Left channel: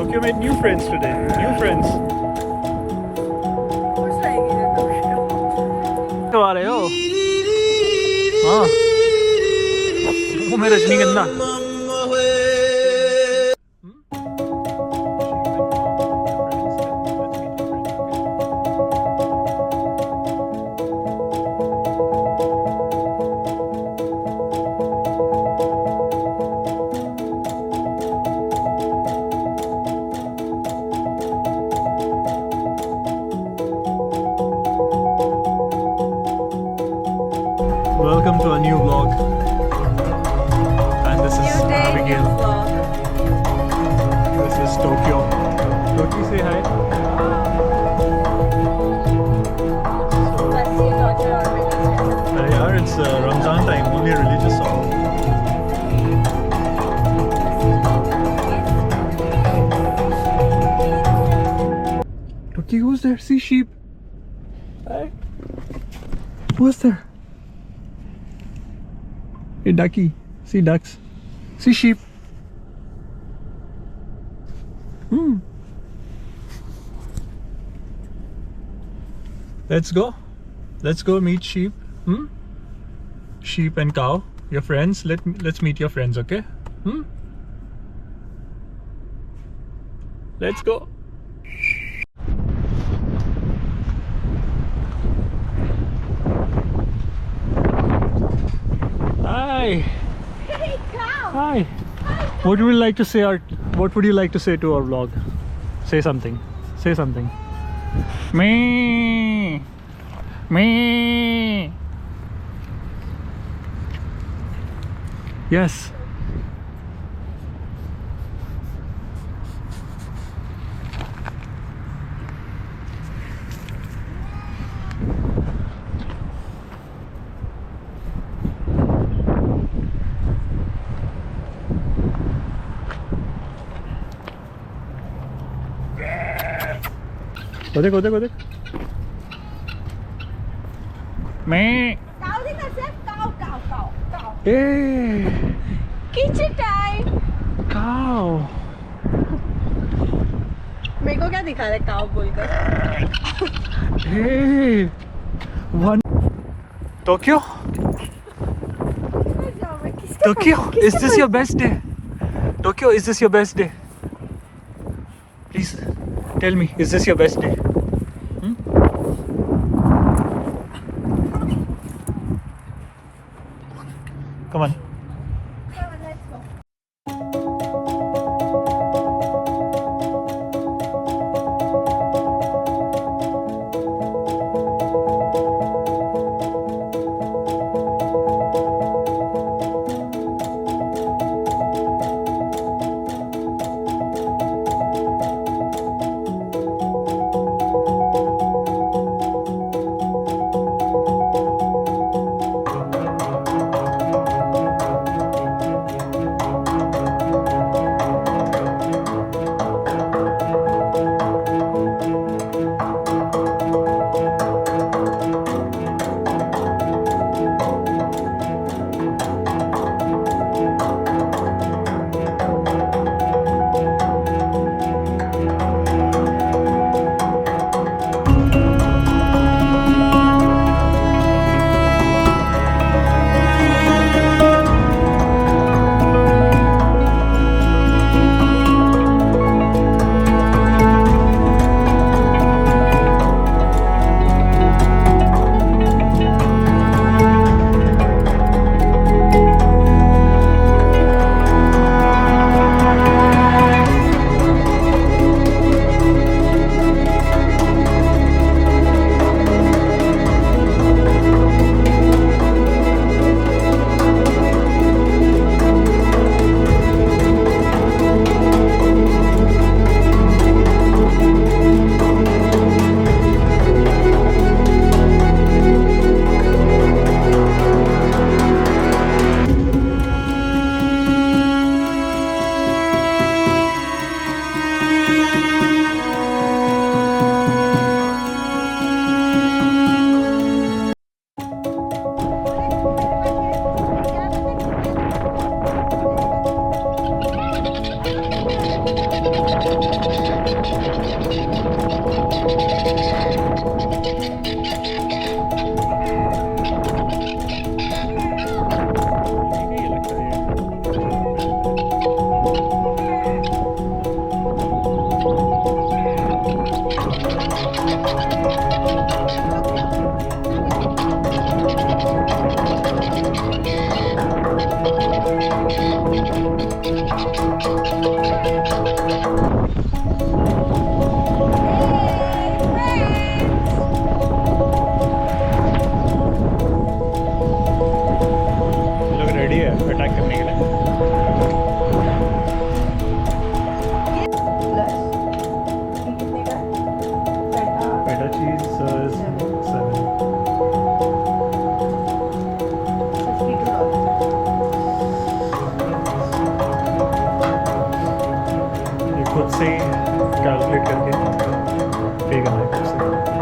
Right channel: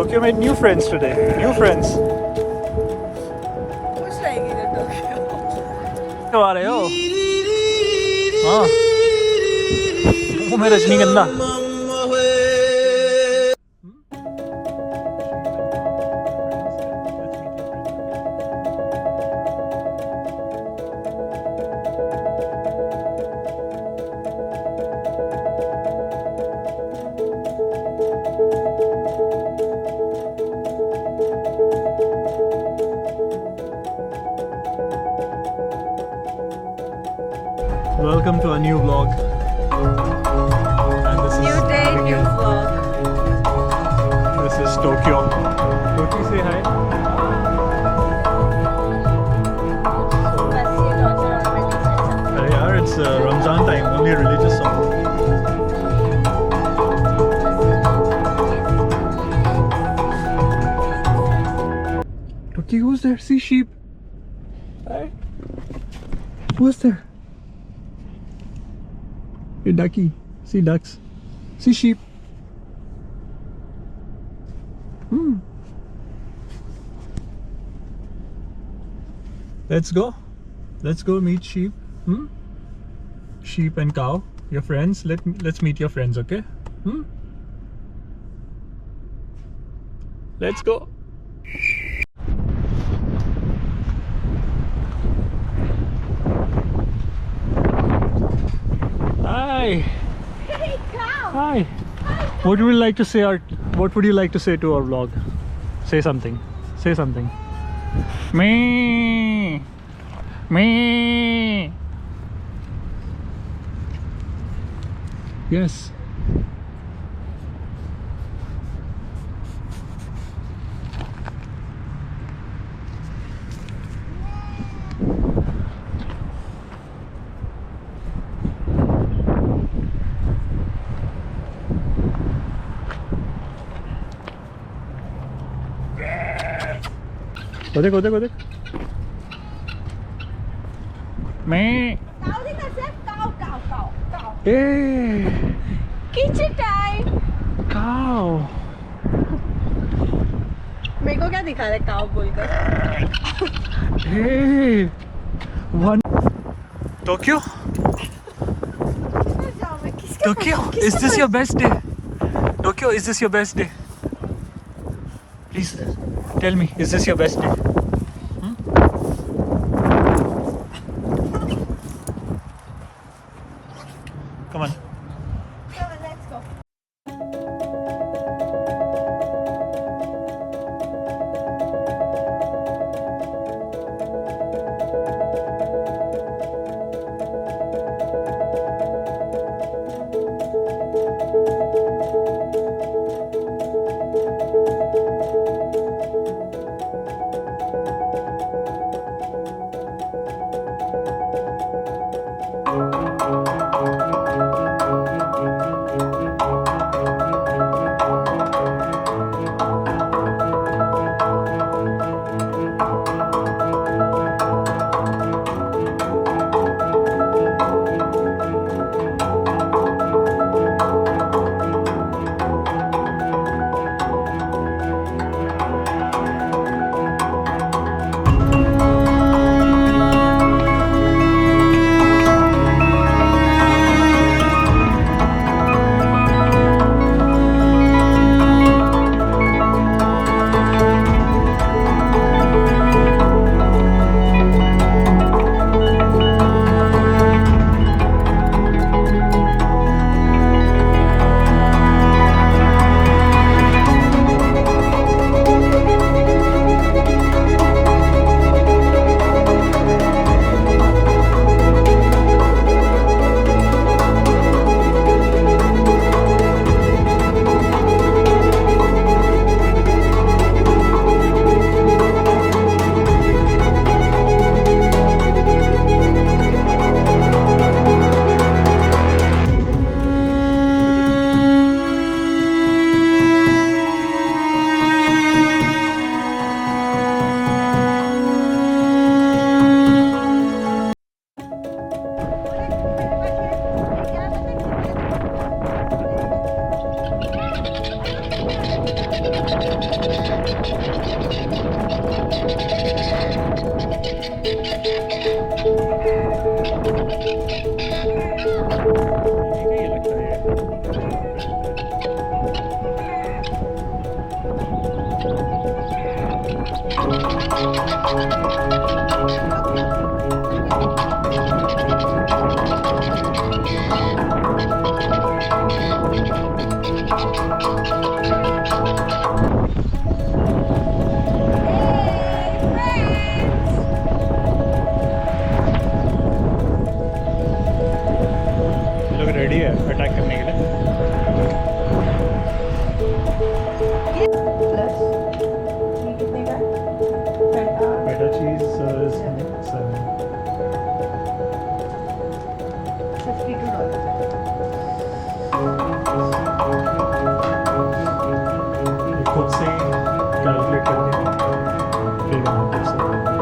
Tokyo made new friends today. New friends. क्यों आ रहे हो? हाँ। वो मेरा रजनीगंधा. Welcome to a new vlog. And this is New day, new Abigail. vlog. This is Tokyo. Toki, say hi. Plus your daughter already said something. Yeah, it's Ramzan time. Only a religious song. Toki, who's there? See sheep. Hi. Who's there? Hey, ducky. See ducks. See sheep. Let's go. Let's go meet sheep. Sheep and cow. Your friends. Let's meet your friends, okay? Let's go. Hi. Hey, cow! Hi. What would you like to say? What would you like to say to our vlog? Say something. Say something. Me. Me. Yes. Go there. Me. Cow dikha sir? Cow. Hey. Kitchen time! Cow. मेरे को क्या दिखा रहा है cow बोलकर? Hey. One. Tokyo. Tokyo. Is this your best day? Tokyo, is this your best day? Please tell me, is this your best day? Come on. Let's go. लोग ready है attack करने के लिए। प्लस ये कितने का है? पेटा चीज 7। $52 ये खुद से कैलकुलेट करके पे करना है खुद से।